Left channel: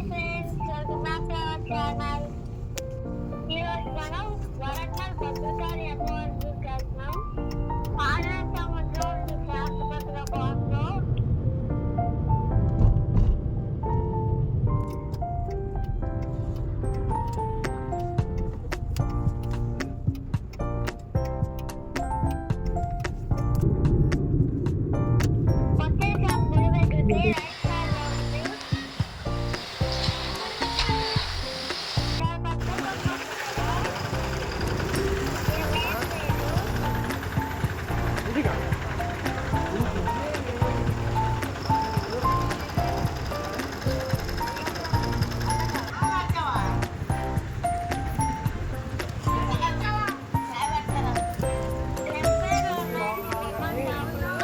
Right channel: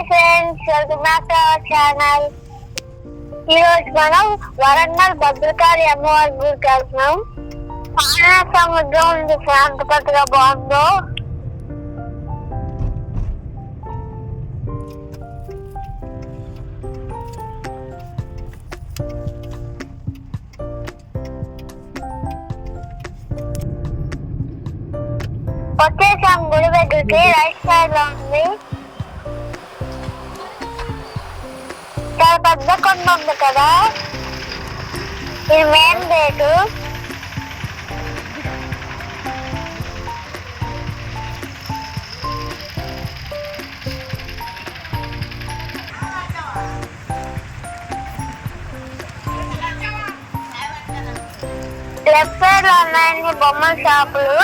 Hi friends, welcome back to our channel. ఈరోజు మనం వరంగల్ భద్రకాళి అమ్మవారి గుడికి వెళ్తున్నాం. పాలనా సముద్రం ఉంది, ఎంత కొత్తగా బాగుందో. వచ్చేసాం గుడి దగ్గరికి. రైట్ సైడ్ లో ఉంది. చాలా పెద్ద కొండ ఉంది కదా, ఇది మెయిన్ గేటు. లెఫ్ట్ సైడ్ లో ఉన్నాయండి బొమ్మల షాపులు.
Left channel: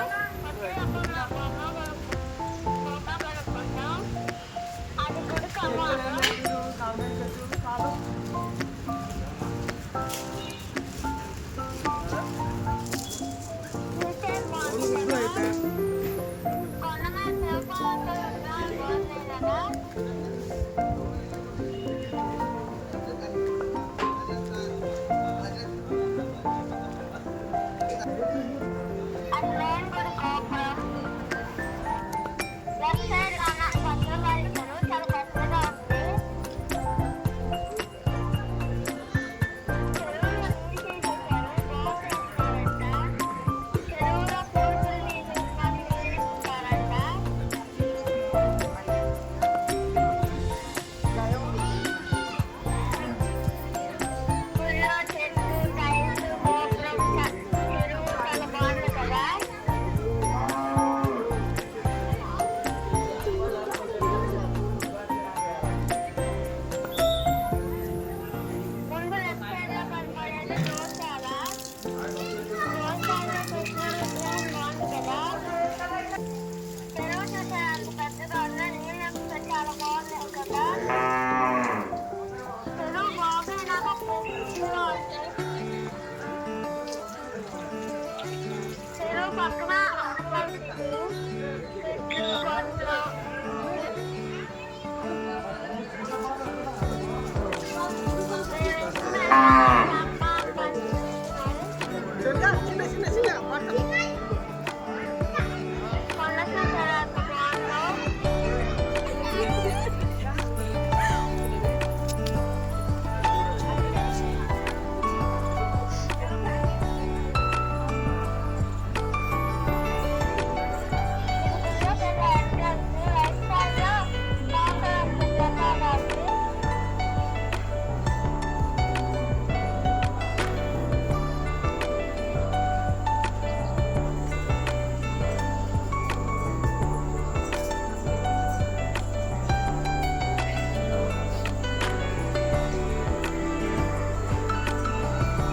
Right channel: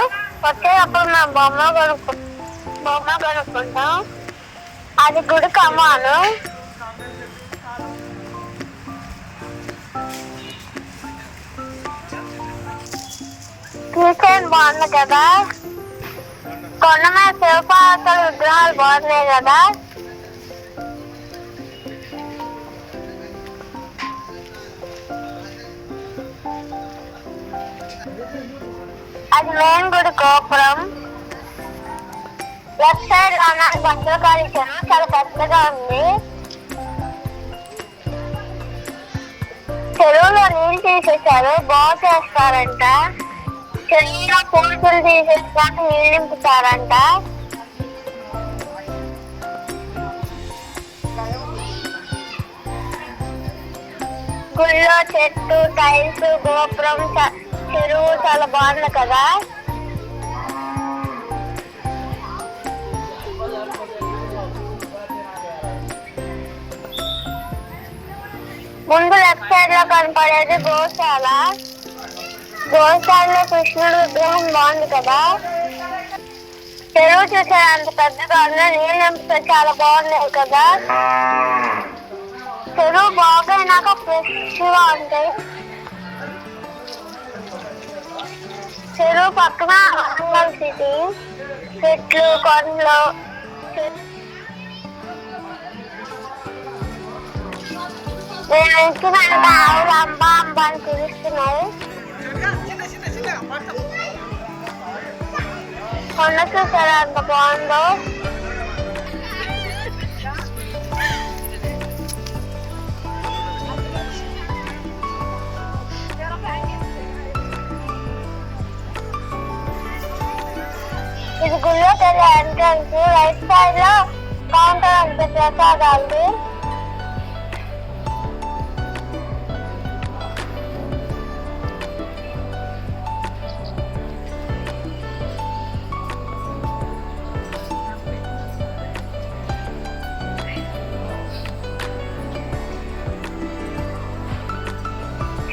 వచ్చేటప్పుడు మేము బొమ్మ కొనుక్కుంటాం. అది గుడి కమ్మాను. కిచెన్ బాగుంది కదా, కొండ మీద శివపార్వతుల విగ్రహాలు బాగున్నాయి కదా. అది మెయిన్ గుడి గోపురం. లెఫ్ట్ సైడ్ లో ఉన్న భద్రకాళి చెరువు చాలా పెద్దగా ఉంది. చెరువులో నీళ్ళు తీసేసారు, బాగు చేస్తారంట. చెరువులో పూజలు తీసేసుకొని నీళ్ళు నింపుతారంట. గుళ్ళో చెట్టు, టైల్స్, గోపురం, చెరువు చాలా బాగుంది కదా. ముందు లెఫ్ట్ సైడ్ లో కనపడేది గోశాల. గోశాలలో కృష్ణుడు విగ్రహం బాగుంది కదా. చెరువు చూసారు అంత పెద్దగా ఉంది, నీళ్ళు నింపితే చాలా బాగున్నాయి కదా. చెరువు బాగైనాక ఫ్రెష్ గా ఉంటాయి. చెరువు పక్కన వరంగల్ సిటీ, చెట్లు, కొండలు. నేను ఇచ్చిన ఆవులు అమ్మ అమ్మ అని పిలుస్తున్నాయి. కొండ చూసారా ఎంత బాగుందో. ఇది గుళ్ళోకి వెళ్ళే ఎంట్రన్స్. రైట్ సైడ్ లో కౌంటర్ అంత ప్రసాదాలు.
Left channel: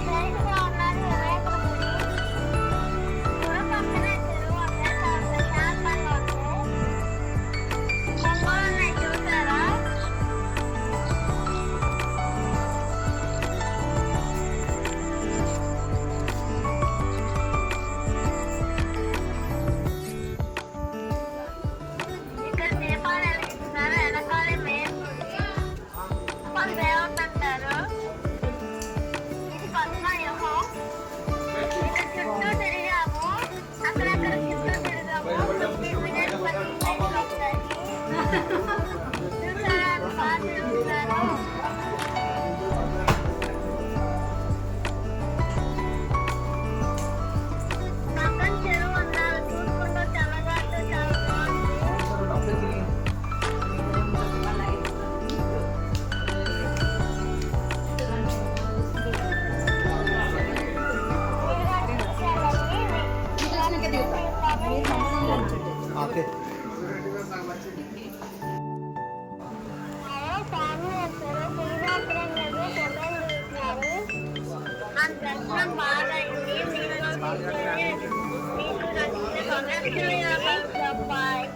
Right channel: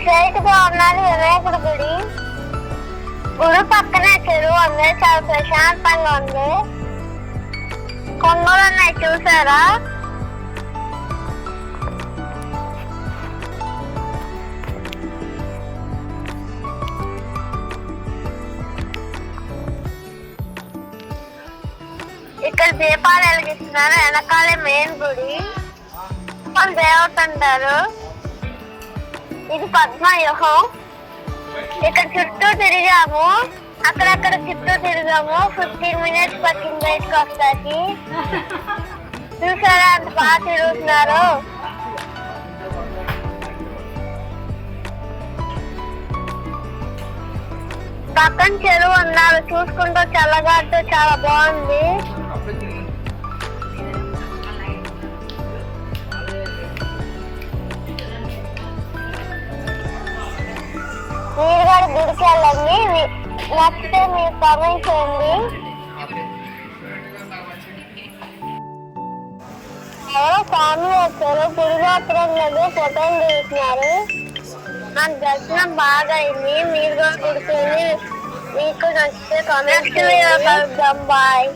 స్ట్రైట్ గా ఉన్నది వినాయకుడి గుడి. గుడి పక్కనే చెరువు ఉంది, చాలా ప్రశాంతంగా ఉంది. కొంగలు ఉన్నాయి చూసారా. ఇక్కడ దీపాలు వెలిగిస్తున్నారు. వెనకాలే మెయిన్ గుడి, మన దేవత అంటారు. ఇది పద్మవ్యూహం. ఇక్కడ చుట్టూ తిరిగాము, అక్కడక్కడ చుట్టూ తిరిగాము. 15 minutes పట్టింది బయటకు వస్తాకి. చూసారా అంత బాగా తిరుగుతున్నారు. పక్కన చెరువు ఉన్నారు, చూసుకుంటూ చల్లగాటు చాలా బాగుంది. గుడికి వెళ్ళండి, నచ్చితే మీరు కామెంట్ చేయండి. ఫ్యామిలీ వచ్చారు, తిరిగి అక్కడ ఫోటోలు దిగుతున్నారు. నాకు దర్శనం బాగా అయింది. మీరు కూడా గుడికి వెళ్ళి మీకు నచ్చితే కామెంట్ చేయండి. బాయ్.